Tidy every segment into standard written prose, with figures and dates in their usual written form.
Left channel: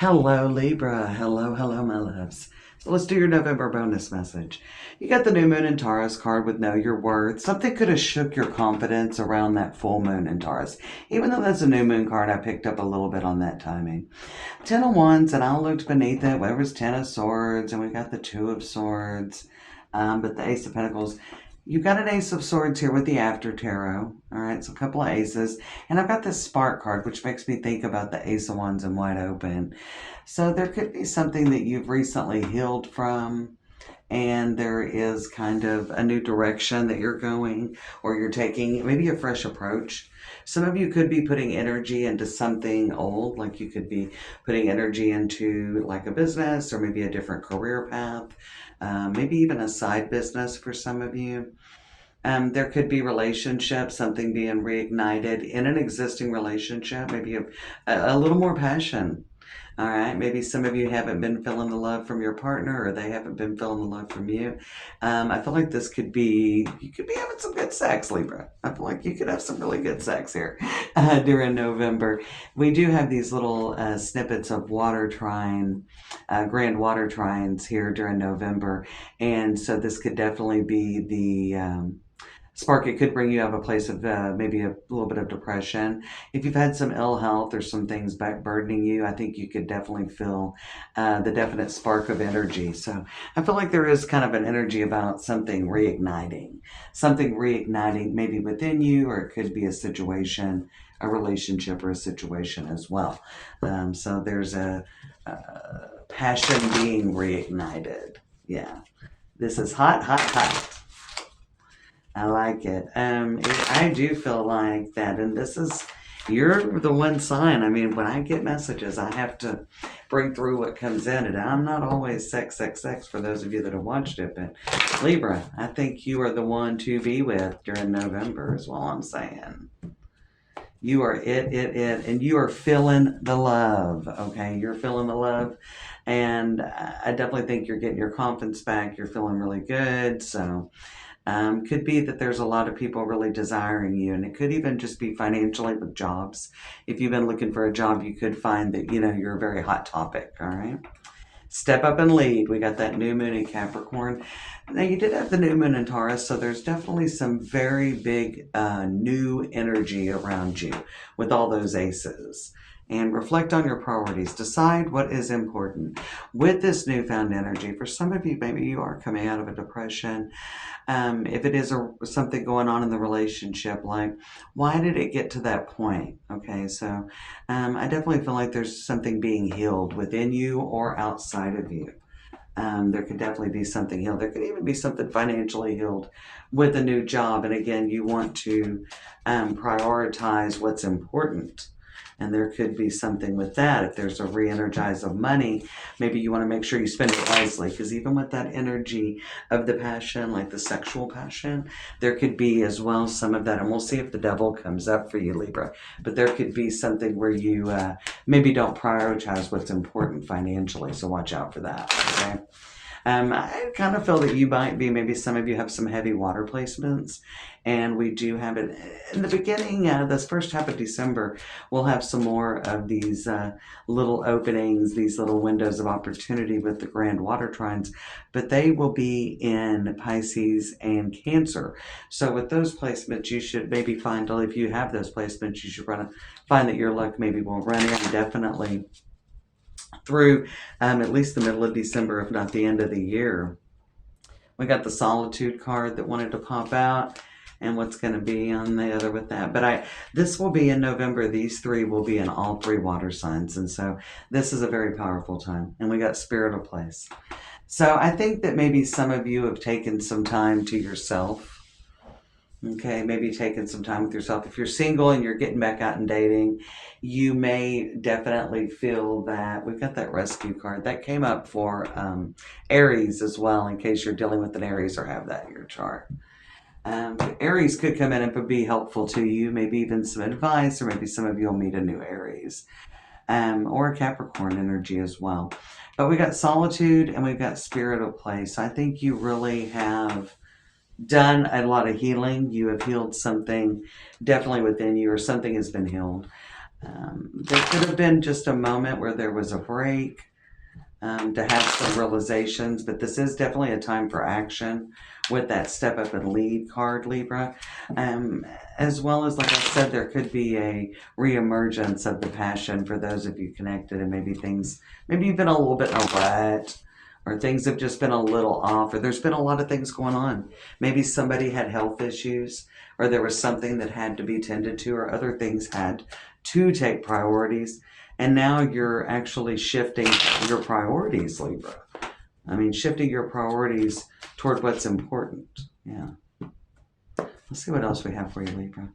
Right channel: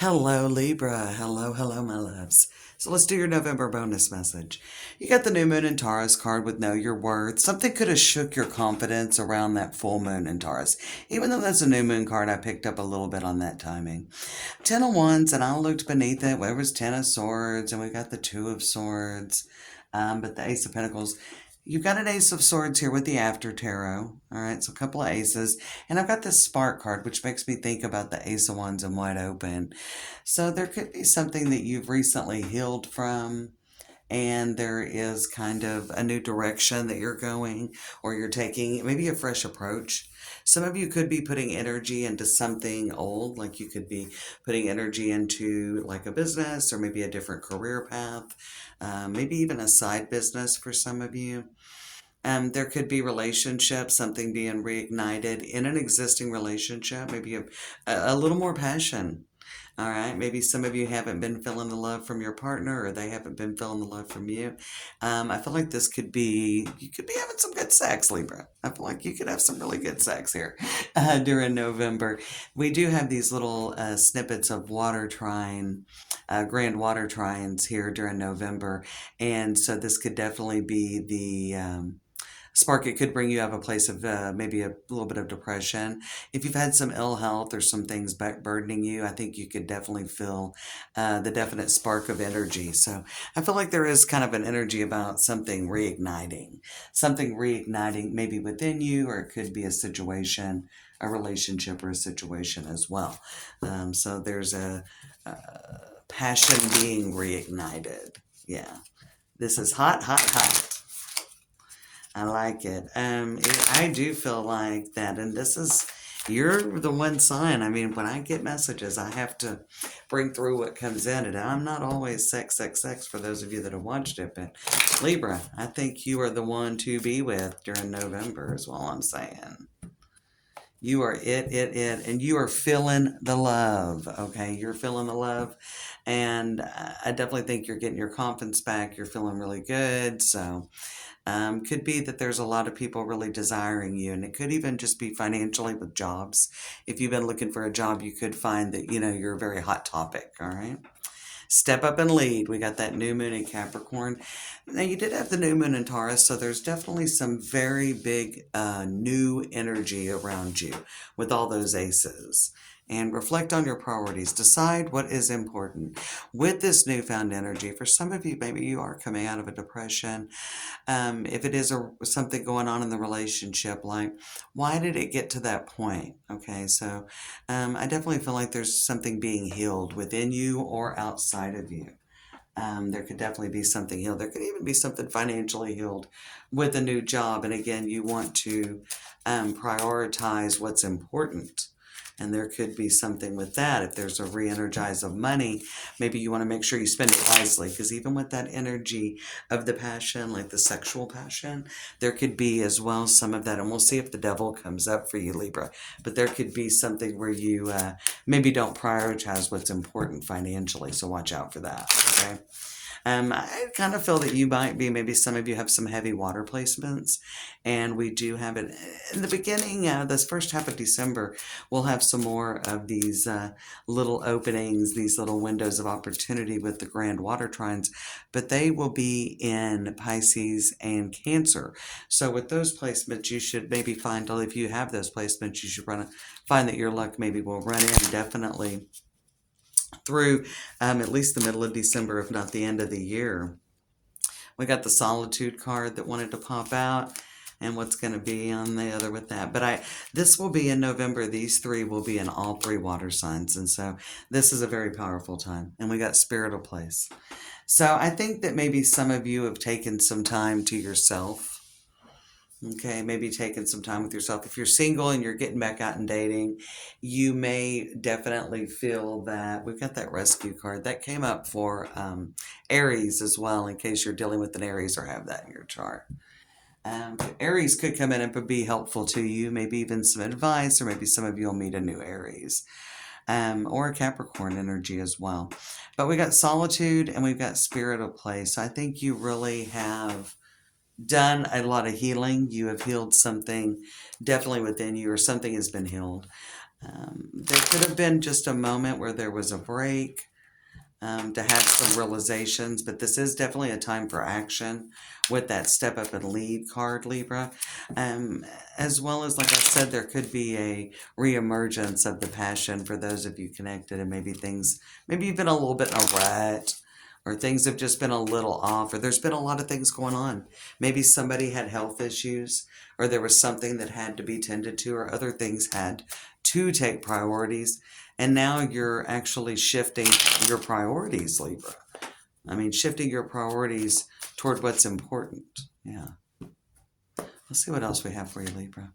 Hello, Libra. Hello, hello, my loves. So let's do your November bonus message. You got the new moon in Taurus card with Know Your Worth. Something could have shook your confidence around that full moon in Taurus. Even though that's a new moon card, I picked up a little bit on that timing. Ten of Wands, and I looked beneath it. Where was Ten of Swords, and we got the Two of Swords. But the Ace of Pentacles, you've got an Ace of Swords here with the After Tarot. All right, so a couple of aces. And I've got this Spark card, which makes me think about the Ace of Wands and Wide Open. So there could be something that you've recently healed from, and there is kind of a new direction that you're going or you're taking, maybe a fresh approach. Some of you could be putting energy into something old, like you could be putting energy into like a business or maybe a different career path, maybe even a side business for some of you. There could be relationships, something being reignited in an existing relationship, maybe a little more passion. All right, maybe some of you haven't been feeling the love from your partner or they haven't been feeling the love from you. I feel like this could be, you could be having some good sex, Libra. I feel like you could have some really good sex here during November. We do have these little snippets of water trine, grand water trines here during November. And so this could definitely be the spark. It could bring you out of a place of maybe a little bit of depression. If you've had some ill health or some things back burdening you, I think you could definitely feel the definite spark of energy. So I feel like there is kind of an energy about something reigniting maybe within you, or it could be a situation, a relationship, or a situation as well. So there's a passion being reignited. Yeah. This is hot, hot, hot. I like it. I do feel like that, and this is, you're the one sign. I mean, when I get messages, I have to bring through what comes in, and I'm not always sex, sex, sex for those of you that have watched it, but Libra, I think you are the one to be with during November, is all I'm saying. You are and you are feeling the love, okay? You're feeling the love, and I definitely think you're getting your confidence back. You're feeling really good, so could be that there's a lot of people really desiring you, and it could even just be financially with jobs. If you've been looking for a job, you could find that, you're a very hot topic, all right? Step up and lead. We got that new moon in Capricorn. Now, you did have the new moon in Taurus, so there's definitely some very big new energy around you with all those aces. And reflect on your priorities. Decide what is important. With this newfound energy, for some of you, maybe you are coming out of a depression. If it is something going on in the relationship, like, why did it get to that point? Okay, so I definitely feel like there's something being healed within you or outside of you. There could definitely be something healed. There could even be something financially healed with a new job. And again, you want to prioritize what's important. And there could be something with that. If there's a re-energize of money, maybe you want to make sure you spend it wisely. Because even with that energy of the passion, like the sexual passion, there could be as well some of that. And we'll see if the devil comes up for you, Libra. But there could be something where you maybe don't prioritize what's important financially. So watch out for that, okay? I kind of feel that you might be, maybe some of you have some heavy water placements, and we do have it in the beginning, this first half of December, we'll have some more of these little openings, these little windows of opportunity with the grand water trines, but they will be in Pisces and Cancer. So with those placements, you should maybe find, if you have those placements, you should find that your luck maybe will run indefinitely through at least the middle of December, if not the end of the year. We got the Solitude card that wanted to pop out, and what's going to be on the other with that. But this will be in November. These three will be in all three water signs, and so this is a very powerful time. And we got Spirit of Place. So I think that maybe some of you have taken some time to yourself. Okay, maybe taking some time with yourself. If you're single and you're getting back out and dating, you may definitely feel that we've got that rescue card that came up for Aries as well, in case you're dealing with an Aries or have that in your chart. Aries could come in and be helpful to you, maybe even some advice, or maybe some of you will meet a new Aries. Or a Capricorn energy as well. But we got Solitude and we've got Spirit of Place. So I think you really have done a lot of healing. You have healed something definitely within you, or something has been healed. There could have been just a moment where there was a break, to have some realizations, but this is definitely a time for action with that step up and lead card, Libra. Um, as well as, like I said, there could be a reemergence of the passion for those of you connected, and maybe things, maybe you've been a little bit in a rut. Or things have just been a little off, or there's been a lot of things going on. Maybe somebody had health issues, or there was something that had to be tended to, or other things had to take priorities. And now you're actually shifting your priorities, Libra. I mean, shifting your priorities toward what's important. Yeah. Let's see what else we have for you, Libra.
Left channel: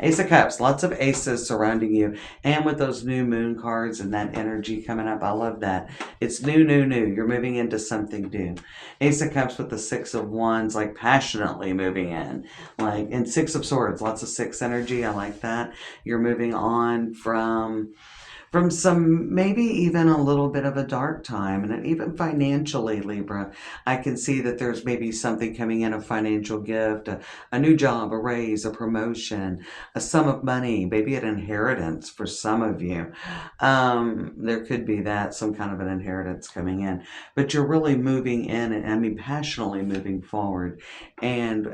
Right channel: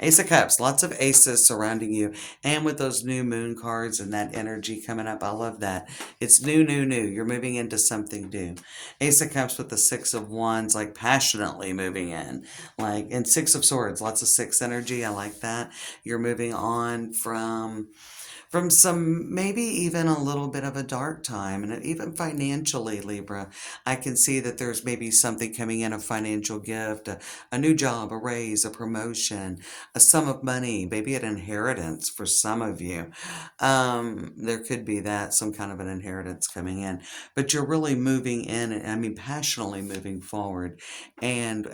Ace of Cups, lots of aces surrounding you. And with those new moon cards and that energy coming up, I love that. It's new, new, new. You're moving into something new. Ace of Cups with the Six of Wands, like passionately moving in. Like, and Six of Swords, lots of six energy. I like that. You're moving on from some, maybe even a little bit of a dark time, and even financially, Libra, I can see that there's maybe something coming in, a financial gift, a new job, a raise, a promotion, a sum of money, maybe an inheritance for some of you. There could be that, some kind of an inheritance coming in, but you're really moving in, and I mean passionately moving forward, and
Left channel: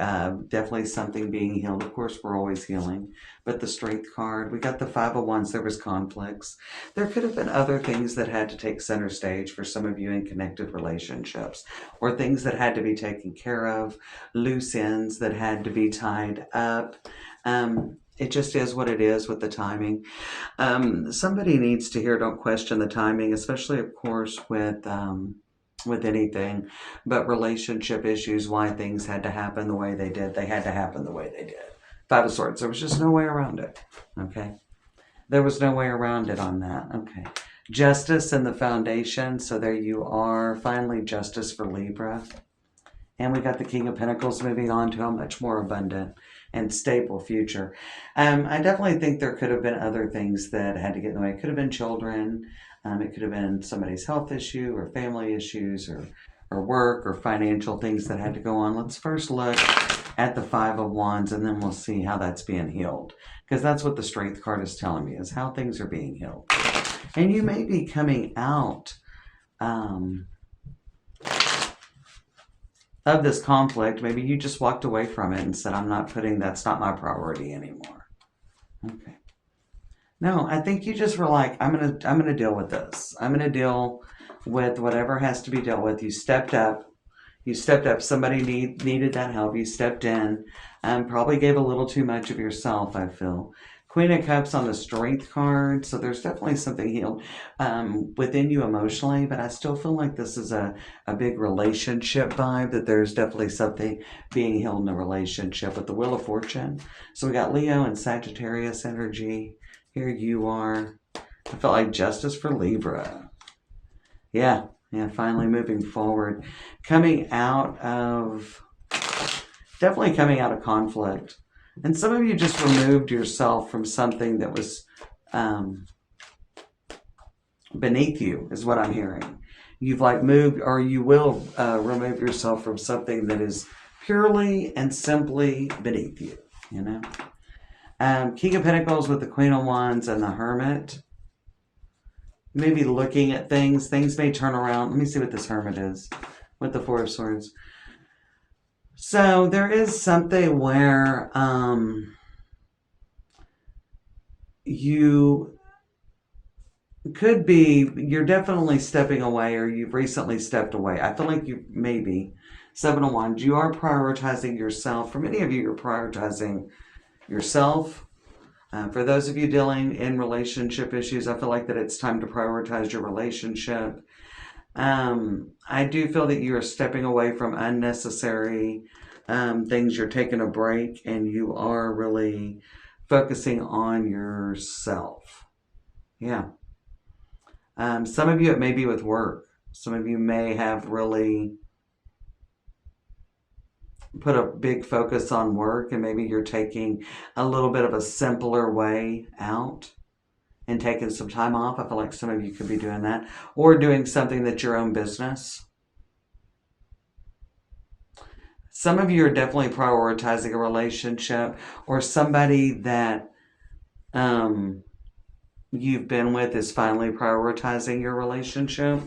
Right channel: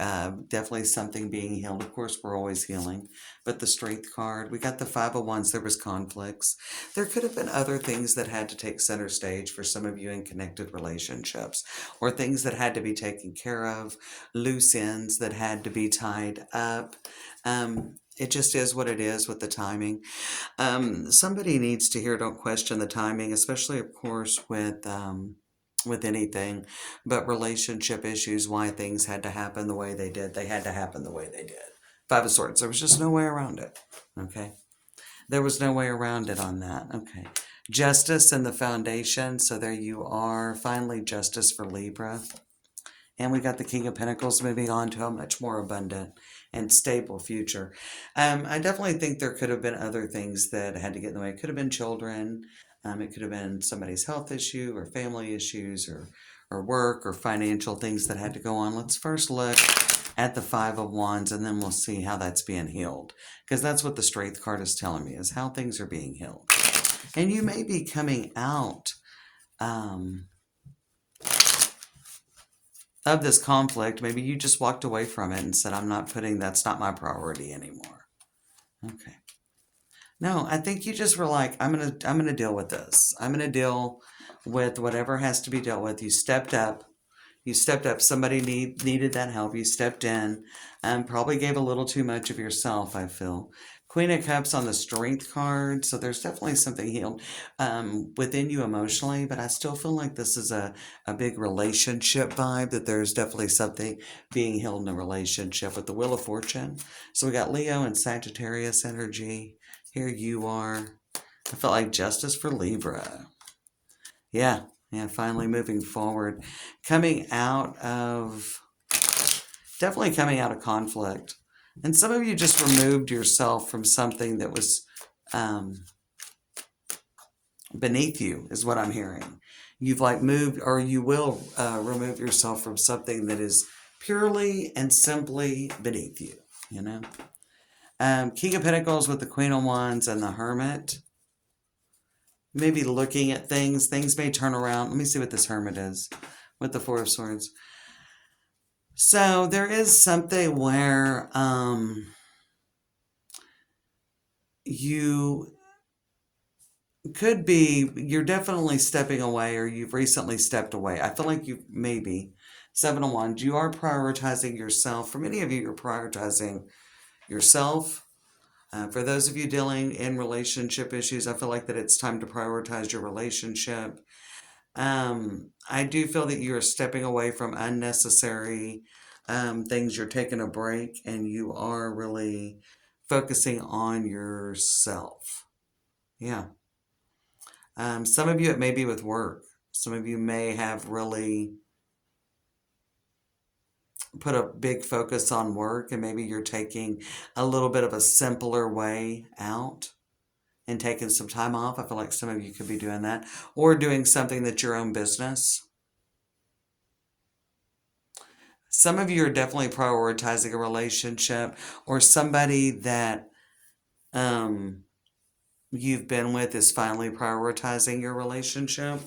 definitely something being healed. Of course, we're always healing, but the Strength card, we got the Five of Wands. There was conflicts. There could have been other things that had to take center stage for some of you in connected relationships, or things that had to be taken care of, loose ends that had to be tied up. It just is what it is with the timing. Somebody needs to hear, don't question the timing, especially, of course, with anything, but relationship issues, why things had to happen the way they did. They had to happen the way they did. Five of Swords. There was just no way around it. Okay. There was no way around it on that. Okay. Justice and the Foundation. So there you are. Finally, justice for Libra. And we got the King of Pentacles moving on to a much more abundant and stable future. I definitely think there could have been other things that had to get in the way. It could have been children. It could have been somebody's health issue or family issues or work or financial things that had to go on. Let's first look at the Five of Wands, and then we'll see how that's being healed. Because that's what the Strength card is telling me, is how things are being healed. And you may be coming out of this conflict. Maybe you just walked away from it and said, that's not my priority anymore. Okay. No, I think you just were like, I'm gonna deal with this. I'm gonna deal with whatever has to be dealt with. You stepped up. You stepped up. Somebody needed that help. You stepped in, and probably gave a little too much of yourself, I feel. Queen of Cups on the Strength card. So there's definitely something healed within you emotionally, but I still feel like this is a big relationship vibe, that there's definitely something being healed in a relationship with the Wheel of Fortune. So we got Leo and Sagittarius energy. Here you are. I felt like justice for Libra. Yeah, finally moving forward. Definitely coming out of conflict. And some of you just removed yourself from something that was beneath you, is what I'm hearing. You've like moved, or you will remove yourself from something that is purely and simply beneath you, you know? King of Pentacles with the Queen of Wands and the Hermit. Maybe looking at things may turn around. Let me see what this Hermit is with the Four of Swords. So there is something where you could be, you're definitely stepping away, or you've recently stepped away. I feel like you maybe, Seven of Wands, you are prioritizing yourself. For many of you, you're prioritizing yourself. For those of you dealing in relationship issues, I feel like that it's time to prioritize your relationship. I do feel that you are stepping away from unnecessary things. You're taking a break, and you are really focusing on yourself. Yeah. Some of you, it may be with work. Some of you may have really put a big focus on work, and maybe you're taking a little bit of a simpler way out and taking some time off. I feel like some of you could be doing that, or doing something that's your own business. Some of you are definitely prioritizing a relationship, or somebody that you've been with is finally prioritizing your relationship.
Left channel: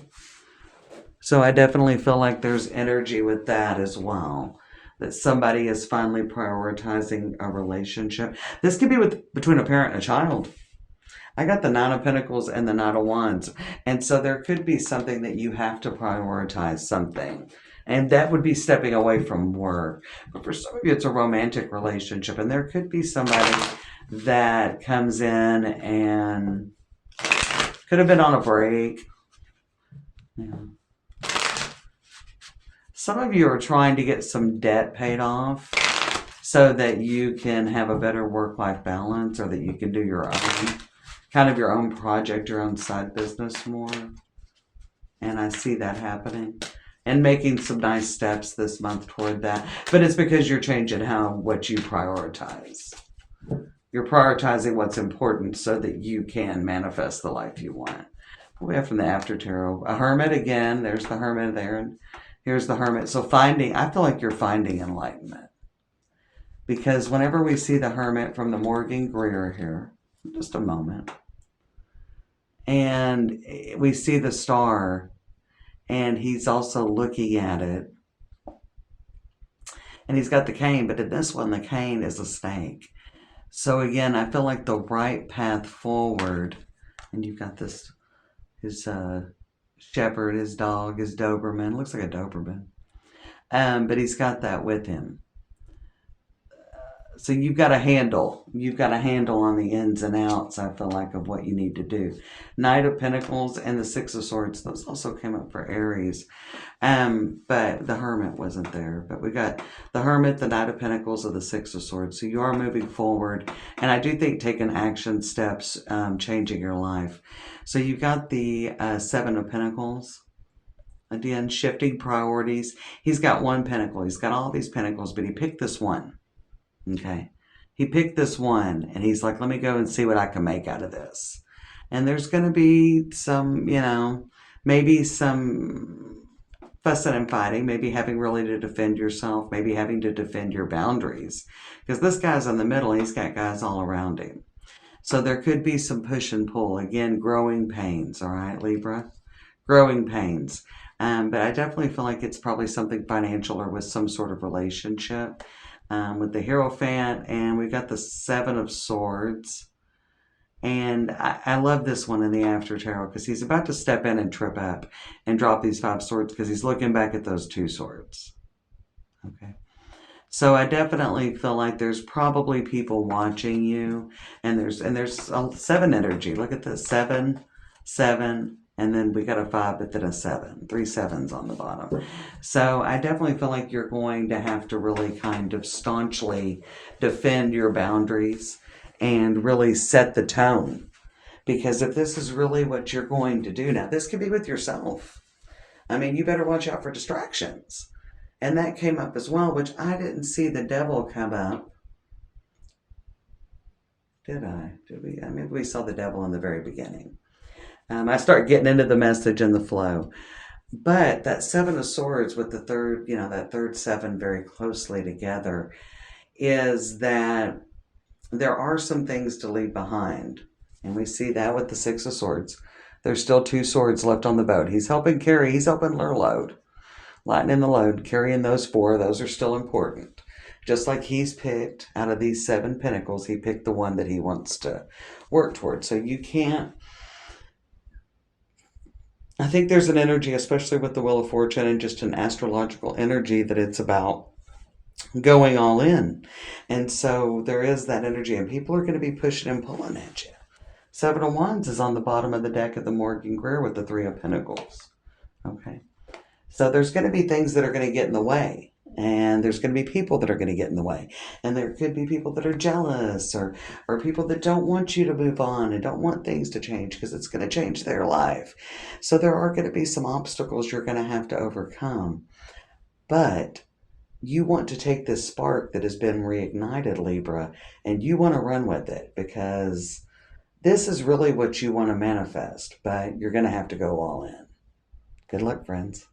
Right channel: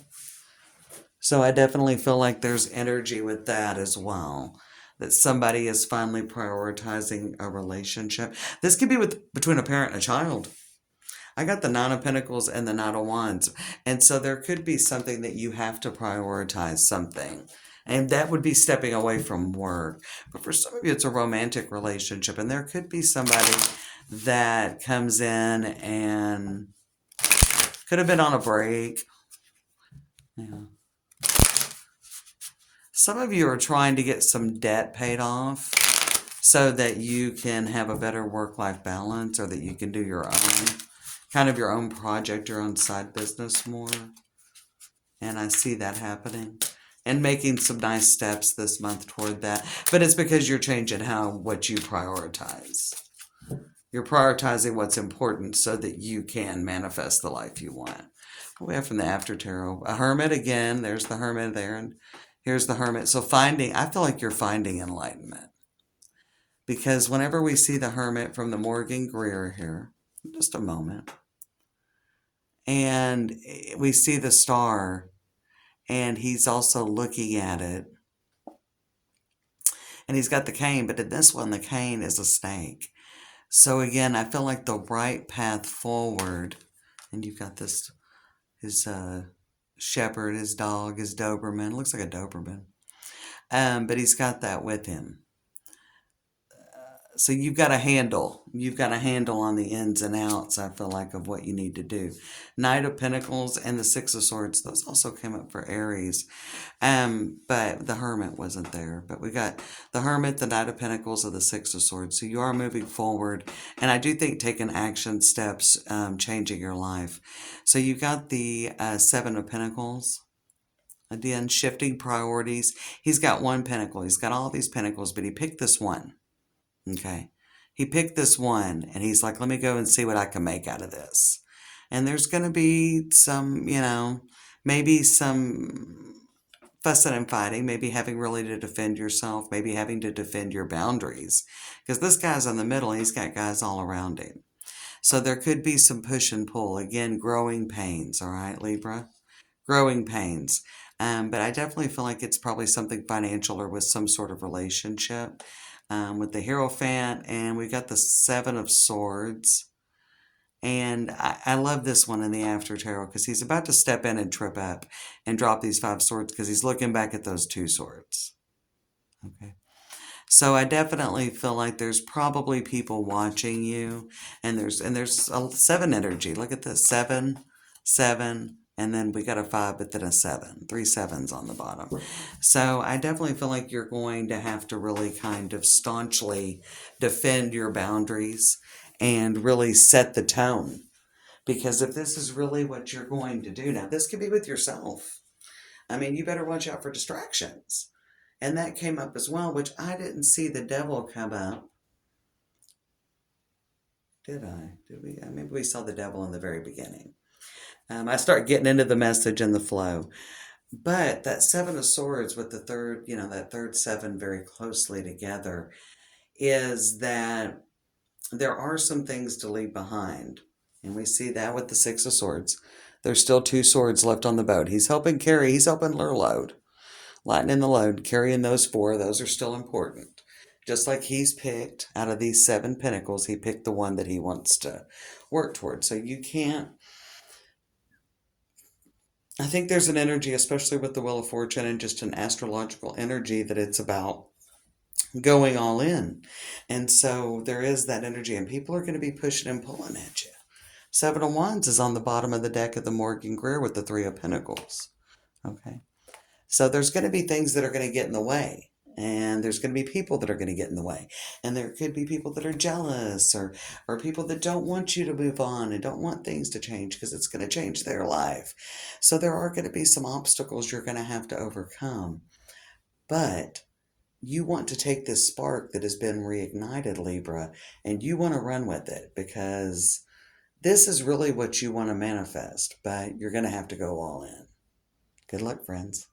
So I definitely feel like there's energy with that as well. That somebody is finally prioritizing a relationship. This could be with between a parent and a child. I got the Nine of Pentacles and the Knight of Wands. And so there could be something that you have to prioritize something. And that would be stepping away from work. But for some of you, it's a romantic relationship. And there could be somebody that comes in and could have been on a break. Yeah. Some of you are trying to get some debt paid off so that you can have a better work-life balance, or that you can do your own, kind of your own project, your own side business more. And I see that happening and making some nice steps this month toward that. But it's because you're changing what you prioritize. You're prioritizing what's important so that you can manifest the life you want. What we have from the After Tarot, a Hermit again. There's the Hermit there, and here's the Hermit. So I feel like you're finding enlightenment. Because whenever we see the Hermit from the Morgan Greer here, just a moment, and we see the star, and he's also looking at it, and he's got the cane, but in this one, the cane is a snake. So again, I feel like the right path forward, and you've got this, his shepherd, his dog, his Doberman, looks like a Doberman, but he's got that with him. So you've got a handle on the ins and outs, I feel like, of what you need to do. Knight of Pentacles and the Six of Swords, those also came up for Aries. But the Hermit wasn't there. But we got the Hermit, the Knight of Pentacles, and the Six of Swords. So you are moving forward. And I do think taking action steps, changing your life. So you got the Seven of Pentacles. Again, shifting priorities. He's got one pentacle. He's got all these pentacles, but he picked this one. Okay. He picked this one, and he's like, let me go and see what I can make out of this. And there's going to be some, maybe some fussing and fighting, maybe having really to defend yourself, maybe having to defend your boundaries. Because this guy's in the middle, he's got guys all around him. So there could be some push and pull. Again, growing pains, all right, Libra? Growing pains. But I definitely feel like it's probably something financial or with some sort of relationship. With the Hierophant, and we've got the Seven of Swords. And I love this one in the After Tarot because he's about to step in and trip up and drop these Five Swords because he's looking back at those Two Swords. Okay. So I definitely feel like there's probably people watching you, and there's a 7 energy. Look at this, 7, 7, and then we got a 5, but then a 7. 3 sevens on the bottom. So I definitely feel like you're going to have to really kind of staunchly defend your boundaries and really set the tone. Because if this is really what you're going to do now, this could be with yourself. I mean, you better watch out for distractions. And that came up as well, which I didn't see the Devil come up. Did I? Did we? Maybe we saw the Devil in the very beginning. I start getting into the message and the flow. But that Seven of Swords with the third, that third 7 very closely together, is that there are some things to leave behind. And we see that with the Six of Swords. There's still 2 swords left on the boat. He's helping her load. Lightening the load, carrying those 4, those are still important. Just like he's picked, out of these 7 pentacles, he picked the one that he wants to work towards. So you can't, I think there's an energy, especially with the Wheel of Fortune and just an astrological energy, that it's about going all in. And so there is that energy, and people are going to be pushing and pulling at you. 7 of Wands is on the bottom of the deck of the Morgan Greer with the 3 of Pentacles. Okay. So there's going to be things that are going to get in the way, and there's going to be people that are going to get in the way, and there could be people that are jealous, or people that don't want you to move on and don't want things to change because it's going to change their life. So there are going to be some obstacles you're going to have to overcome, but you want to take this spark that has been reignited, Libra, and you want to run with it, because this is really what you want to manifest, but you're going to have to go all in. Good luck, friends.